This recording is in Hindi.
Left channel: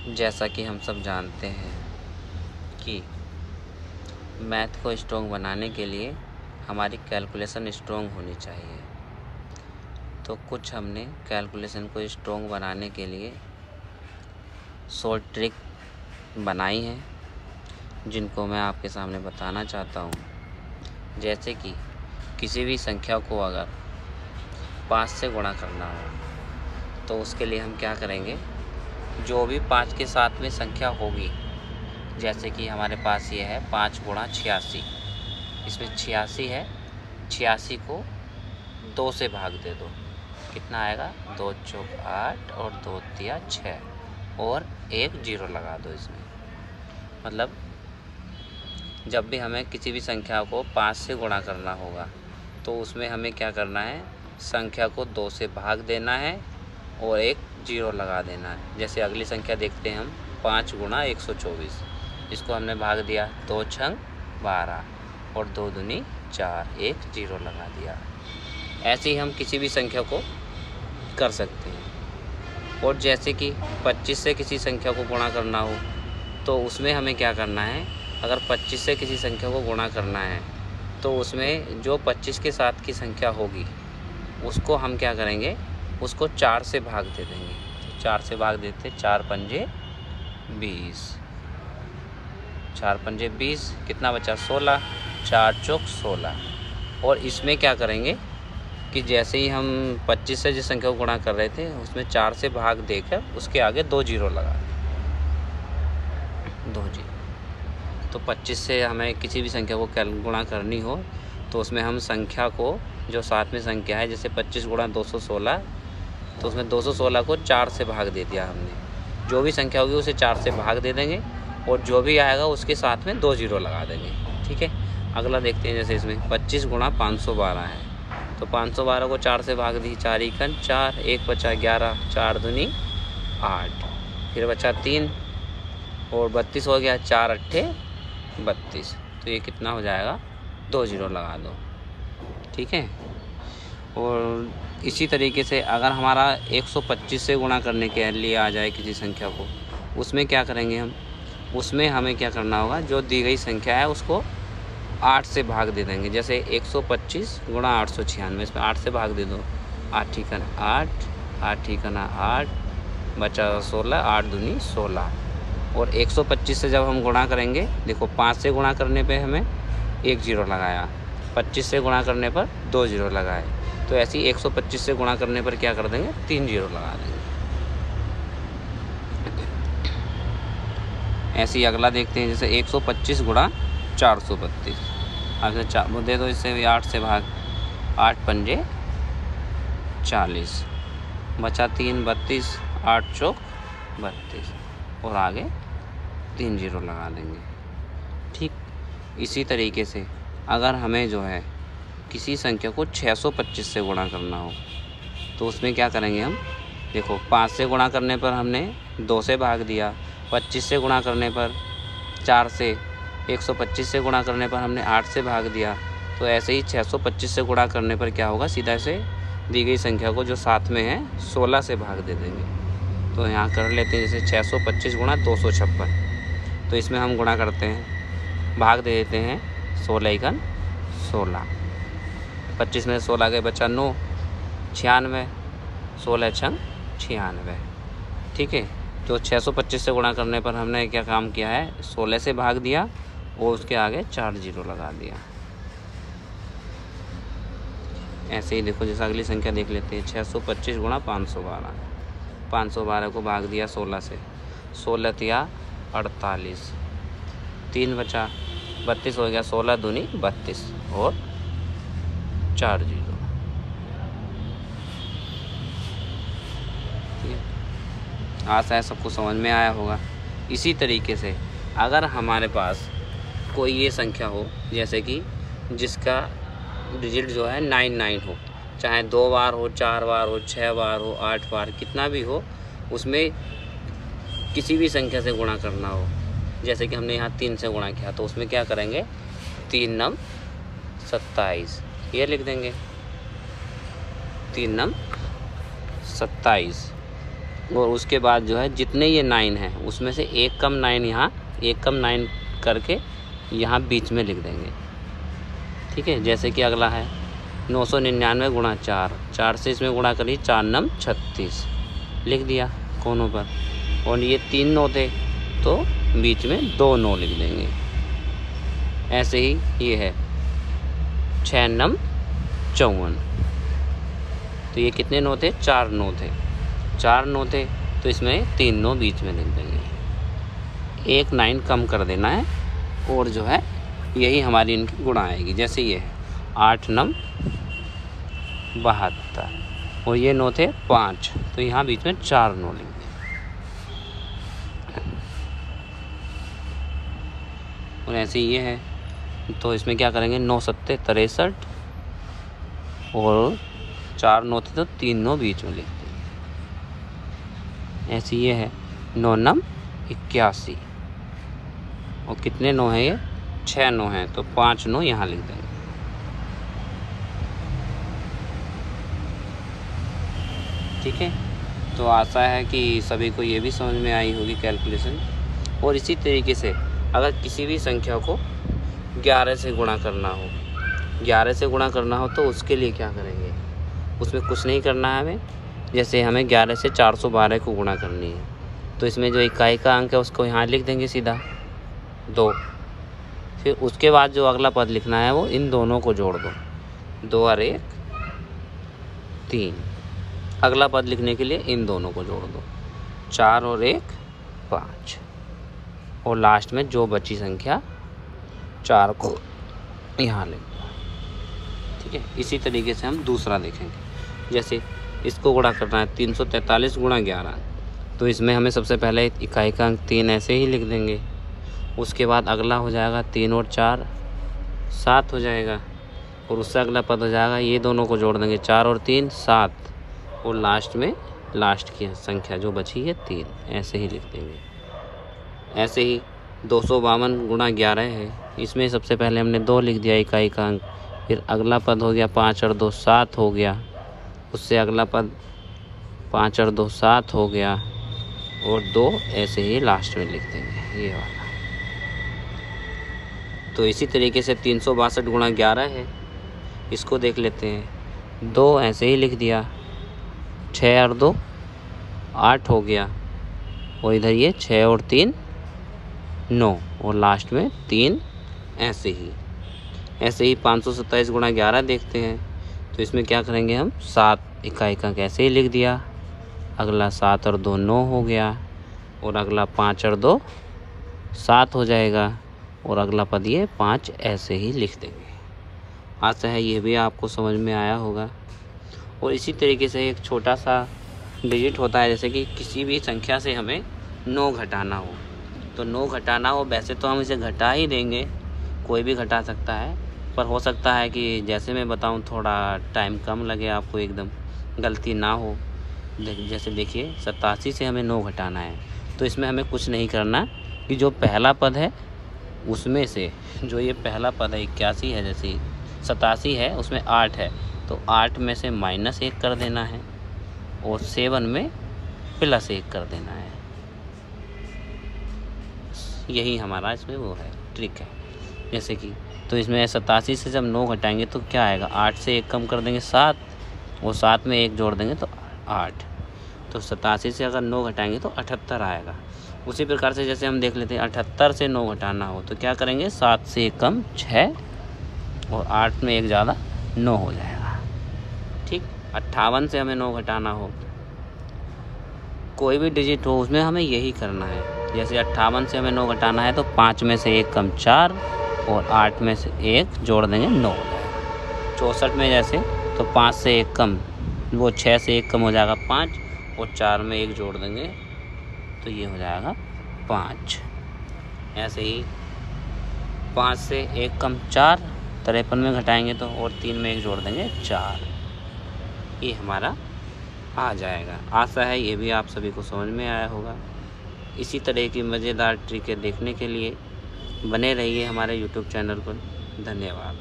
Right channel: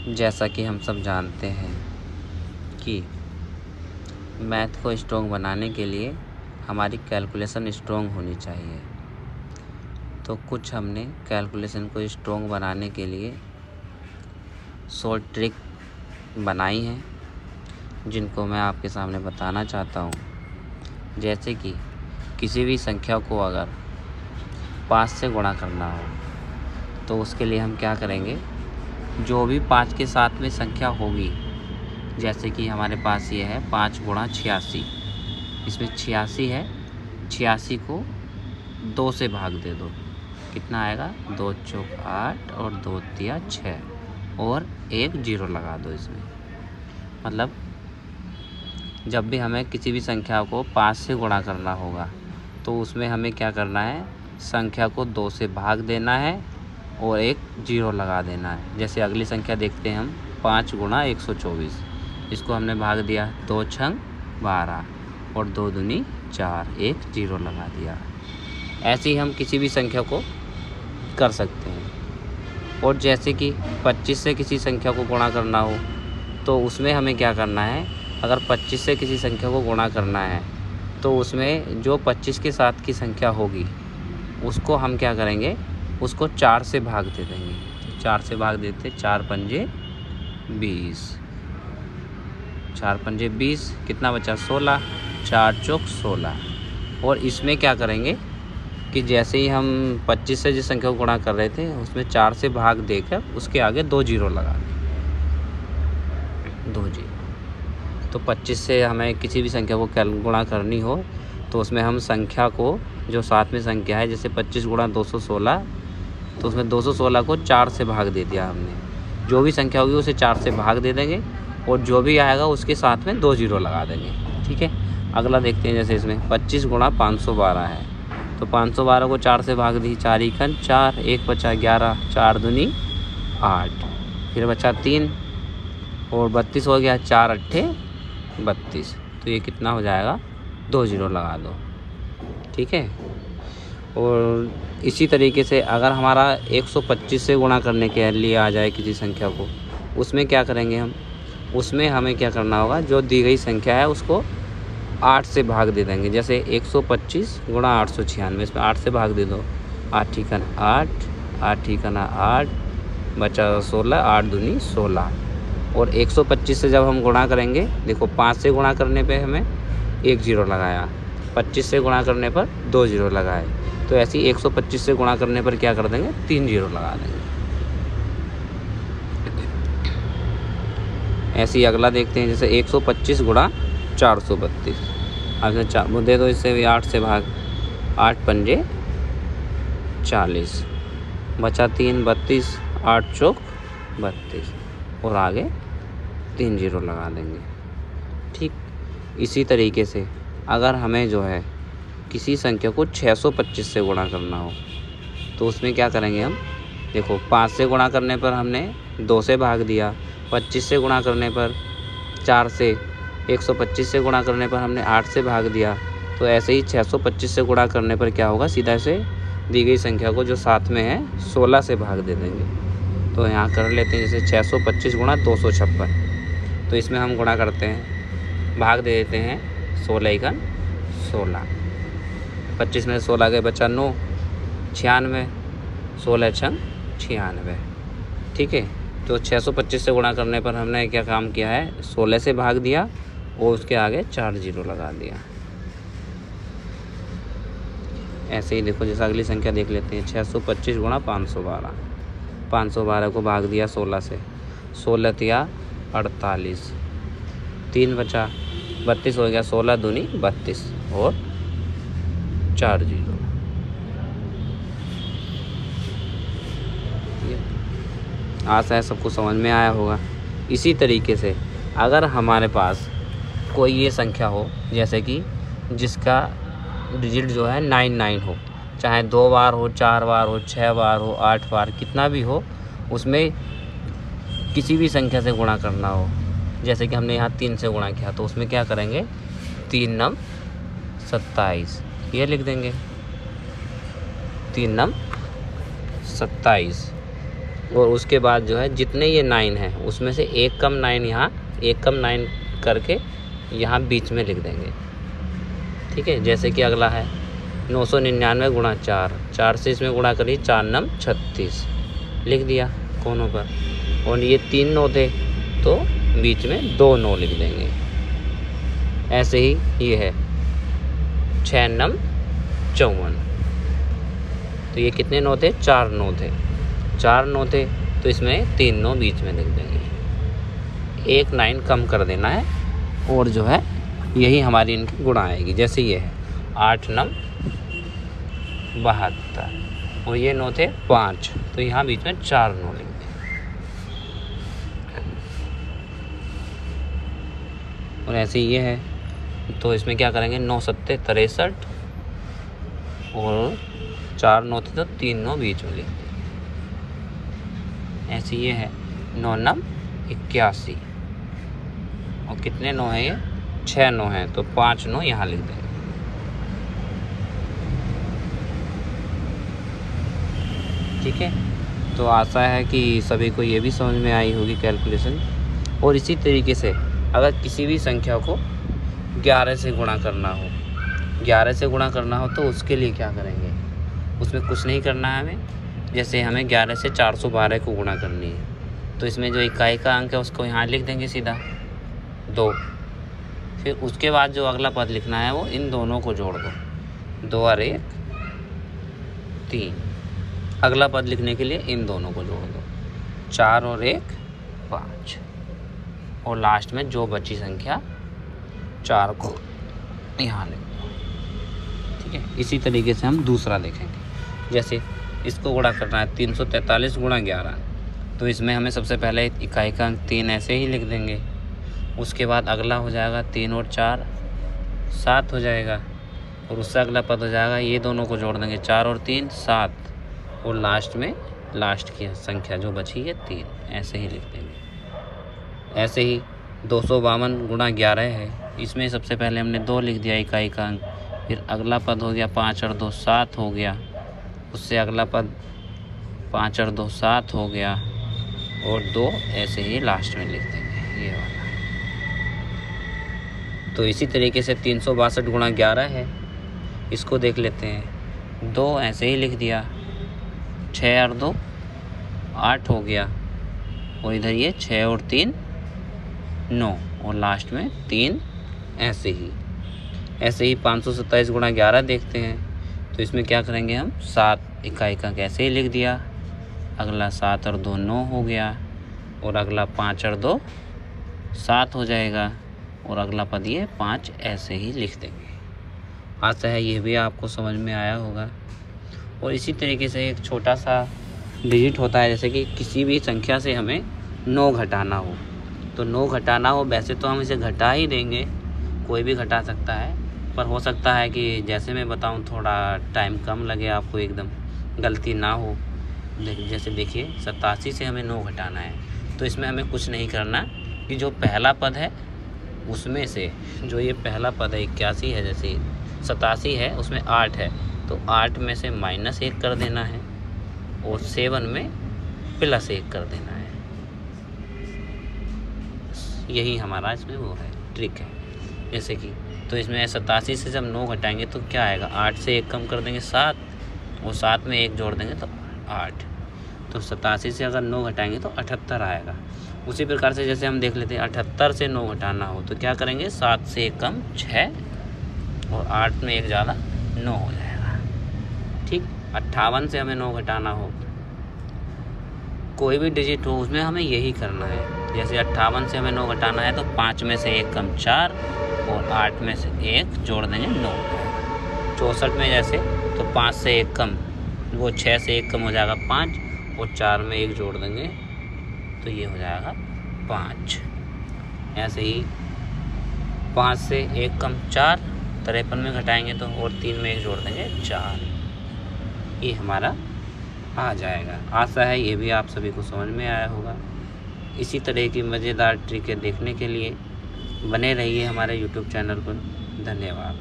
जैसा कि हम सब जानते हैं कि मैथ को स्ट्रॉन्ग बनाने के लिए हमारी कैलकुलेशन स्ट्रॉन्ग होनी चाहिए। तो कुछ हमने कैलकुलेशन को स्ट्रॉन्ग बनाने के लिए शॉर्ट ट्रिक बनाई हैं, जिनको मैं आपके सामने बताना चाहता हूँ। जैसे कि किसी भी संख्या को अगर 5 से गुणा करना हो तो उसके लिए हम क्या करेंगे, जो भी 5 के साथ में संख्या होगी, जैसे कि हमारे पास ये है 5 गुणा 86, इसमें 86 है, 86 को 2 से भाग दे दो, कितना आएगा 2 चौक 8 और 2 तिया 6 और एक 0 लगा दो इसमें। मतलब जब भी हमें किसी भी संख्या को 5 से गुणा करना होगा तो उसमें हमें क्या करना है, संख्या को 2 से भाग देना है और एक 0 लगा देना है। जैसे अगली संख्या देखते हैं हम, 5 गुणा 124, इसको हमने भाग दिया, 2 छंग 12 और 2 दूनी 4, एक 0 लगा दिया। ऐसे ही हम किसी भी संख्या को कर सकते हैं। और जैसे कि 25 से किसी संख्या को गुणा करना हो तो उसमें हमें क्या करना है, अगर 25 से किसी संख्या को गुणा करना है तो उसमें जो 25 के साथ की संख्या होगी उसको हम क्या करेंगे, उसको 4 से भाग दे देंगे। 4 से भाग देते, 4 पंजे 20, 4 पंजे 20, कितना बचा 16, 4 चौक 16। और इसमें क्या करेंगे कि जैसे ही हम 25 से जिस संख्या को गुणा कर रहे थे उसमें 4 से भाग देकर उसके आगे 2 0 लगा दें, 2 0। तो 25 से हमें किसी भी संख्या को गुणा करनी हो तो उसमें हम संख्या को, जो साथ में संख्या है, जैसे 25 गुणा 216, तो उसमें 216 को 4 से भाग दे दिया हमने। जो भी संख्या होगी उसे 4 से भाग दे देंगे और जो भी आएगा उसके साथ में 2 0 लगा देंगे। ठीक है, अगला देखते हैं। जैसे इसमें 25 गुणा 512 है तो 512 को 4 से भाग दी, 4 एकन 4, एक बचा 11, 4 दूनी 8, फिर बचा 3 और 32 हो गया, 4 अट्ठे 32। तो ये कितना हो जाएगा, 2 0 लगा दो। ठीक है। और इसी तरीके से अगर हमारा 125 से गुणा करने के लिए आ जाए किसी संख्या को, उसमें क्या करेंगे हम, उसमें हमें क्या करना होगा, जो दी गई संख्या है उसको 8 से भाग दे देंगे। जैसे 125 गुणा 896, इसमें 8 से भाग दे दो, 8 ठीकन 8, 8 ठीकन 8, बचा 16, 8 दूनी 16। और 125 से जब हम गुणा करेंगे, देखो 5 से गुणा करने पे हमें 1 0 लगाया, 25 से गुणा करने पर 2 0 लगाए, तो ऐसे ही 125 से गुणा करने पर क्या कर देंगे, 3 0 लगा देंगे। ऐसे ही अगला देखते हैं। जैसे 125 गुणा 432, अब 4 दे दो, इससे भी 8 से भाग, 8 पंजे 40, बचा 3 32, 8 चौक 32 और आगे 3 0 लगा देंगे। ठीक, इसी तरीके से अगर हमें जो है किसी संख्या को 625 से गुणा करना हो तो उसमें क्या करेंगे हम, देखो 5 से गुणा करने पर हमने 2 से भाग दिया, 25 से गुणा करने पर 4 से, 125 से गुणा करने पर हमने 8 से भाग दिया। तो ऐसे ही 625 से गुणा करने पर क्या होगा, सीधा से दी गई संख्या को जो साथ में है 16 से भाग दे देंगे। तो यहाँ कर लेते हैं। जैसे 625 गुणा 256, तो इसमें हम गुणा करते हैं, भाग दे देते हैं, 16 एकन 16, 25 में 16 के बचा 9, 96, 16 छंग 96। ठीक है, तो 625 से गुणा करने पर हमने क्या काम किया है, 16 से भाग दिया और उसके आगे 4 0 लगा दिया। ऐसे ही देखो, जैसे अगली संख्या देख लेते हैं। 625 गुणा 512, 512 को भाग दिया 16 से, 16 तिया 48, 3 बचा 32 हो गया, 16 दूनी 32 और 4 0। आशा है सबको समझ में आया होगा। इसी तरीके से अगर हमारे पास कोई ये संख्या हो, जैसे कि जिसका डिजिट जो है 99 हो, चाहे 2 बार हो, 4 बार हो, 6 बार हो, 8 बार, कितना भी हो, उसमें किसी भी संख्या से गुणा करना हो, जैसे कि हमने यहाँ 3 से गुणा किया, तो उसमें क्या करेंगे, 3 नम 27, ये लिख देंगे, 3 नम 27। और उसके बाद जो है जितने ये 9 हैं उसमें से एक कम 9 यहाँ, एक कम 9 करके यहाँ बीच में लिख देंगे। ठीक है, जैसे कि अगला है 999 गुणा 4, 4 से इसमें गुणा करिए, 4 9 36 लिख दिया कोनों पर। और ये 3 9 थे तो बीच में 2 9 लिख देंगे। ऐसे ही ये है 6 9 54, तो ये कितने 9 थे, 4 9 थे, 4 9 थे तो इसमें 3 9 बीच में लिख देंगे। एक 9 कम कर देना है और जो है यही हमारी इनकी गुणा आएगी। जैसे ये है 8 9 72 और ये 9 थे 5, तो यहाँ बीच में 4 9 लिख देंगे। और ऐसे ही ये है, तो इसमें क्या करेंगे 9 7 63 और 4 9 थे तो 3 9 बीच में लिख देंगे। ऐसे ये है 9 9 81 और कितने 9 हैं, ये 6 9 हैं तो 5 9 यहाँ लिख देंगे। ठीक है, तो आशा है कि सभी को ये भी समझ में आई होगी कैलकुलेशन। और इसी तरीके से अगर किसी भी संख्या को 11 से गुणा करना हो, 11 से गुणा करना हो तो उसके लिए क्या करेंगे, उसमें कुछ नहीं करना है हमें। जैसे हमें 11 से 412 को गुणा करनी है तो इसमें जो इकाई का अंक है उसको यहाँ लिख देंगे सीधा 2। फिर उसके बाद जो अगला पद लिखना है वो इन दोनों को जोड़ दो, 2 और 1 3। अगला पद लिखने के लिए इन दोनों को जोड़ दो, 4 और 1 5 और लास्ट में जो बची संख्या 4 को यहाँ लिख दो। ठीक है, इसी तरीके से हम दूसरा देखेंगे। जैसे इसको गुणा करना है 343 गुणा 11, तो इसमें हमें सबसे पहले इकाई का अंक 3 ऐसे ही लिख देंगे। उसके बाद अगला हो जाएगा 3 और 4 7 हो जाएगा और उससे अगला पद हो जाएगा, ये दोनों को जोड़ देंगे 4 और 3 7 और लास्ट में लास्ट की संख्या जो बची है 3 ऐसे ही लिख देंगे। ऐसे ही 252 गुणा 11 है, इसमें सबसे पहले हमने 2 लिख दिया इकाई का अंक, फिर अगला पद हो गया 5 और 2 7 हो गया, उससे अगला पद 5 और 2 7 हो गया और 2 ऐसे ही लास्ट में लिख देंगे ये वाला। तो इसी तरीके से 362 गुणा 11 है, इसको देख लेते हैं। 2 ऐसे ही लिख दिया, 6 और 2 8 हो गया और इधर ये 6 और 3 9 और लास्ट में 3 ऐसे ही। ऐसे ही 527 गुणा 11 देखते हैं, तो इसमें क्या करेंगे हम 7 इकाई का कैसे ही लिख दिया, अगला 7 और 2 9 हो गया और अगला 5 और 2 7 हो जाएगा और अगला पद ये 5 ऐसे ही लिख देंगे। आशा है ये भी आपको समझ में आया होगा। और इसी तरीके से एक छोटा सा डिजिट होता है, जैसे कि किसी भी संख्या से हमें 9 घटाना हो, तो 9 घटाना हो, वैसे तो हम इसे घटा ही देंगे, कोई भी घटा सकता है, पर हो सकता है कि जैसे मैं बताऊं थोड़ा टाइम कम लगे, आपको एकदम गलती ना हो। जैसे देखिए 87 से हमें 9 घटाना है, तो इसमें हमें कुछ नहीं करना कि जो पहला पद है उसमें से जो ये पहला पद है 81 है, जैसे 87 है उसमें 8 है तो 8 में से -1 कर देना है और 7 में +1 कर देना है। यही हमारा इसमें वो है ट्रिक है। जैसे कि तो इसमें 87 से जब 9 घटाएंगे तो क्या आएगा, 8 से 1 कम कर देंगे 7 और 7 में 1 जोड़ देंगे तो 8, तो 87 से अगर 9 घटाएंगे तो 78 आएगा। उसी प्रकार से जैसे हम देख लेते हैं 78 से 9 घटाना हो तो क्या करेंगे, 7 से 1 कम 6 और 8 में 1 ज़्यादा 9 हो जाएगा। ठीक, 58 से हमें 9 घटाना हो, कोई भी डिजिट हो उसमें हमें यही करना है। जैसे 58 से हमें 9 घटाना है तो 5 में से 1 कम 4 और 8 में से 1 जोड़ देंगे 9। 64 में जैसे तो 5 से 1 कम, वो 6 से 1 कम हो जाएगा 5 और 4 में 1 जोड़ देंगे तो ये हो जाएगा 5। ऐसे ही 5 से 1 कम 4, 53 में घटाएंगे तो और 3 में 1 जोड़ देंगे 4, ये हमारा आ जाएगा। आशा है ये भी आप सभी को समझ में आया होगा। इसी तरह की मज़ेदार ट्रिकें देखने के लिए बने रहिए हमारे YouTube चैनल पर। धन्यवाद।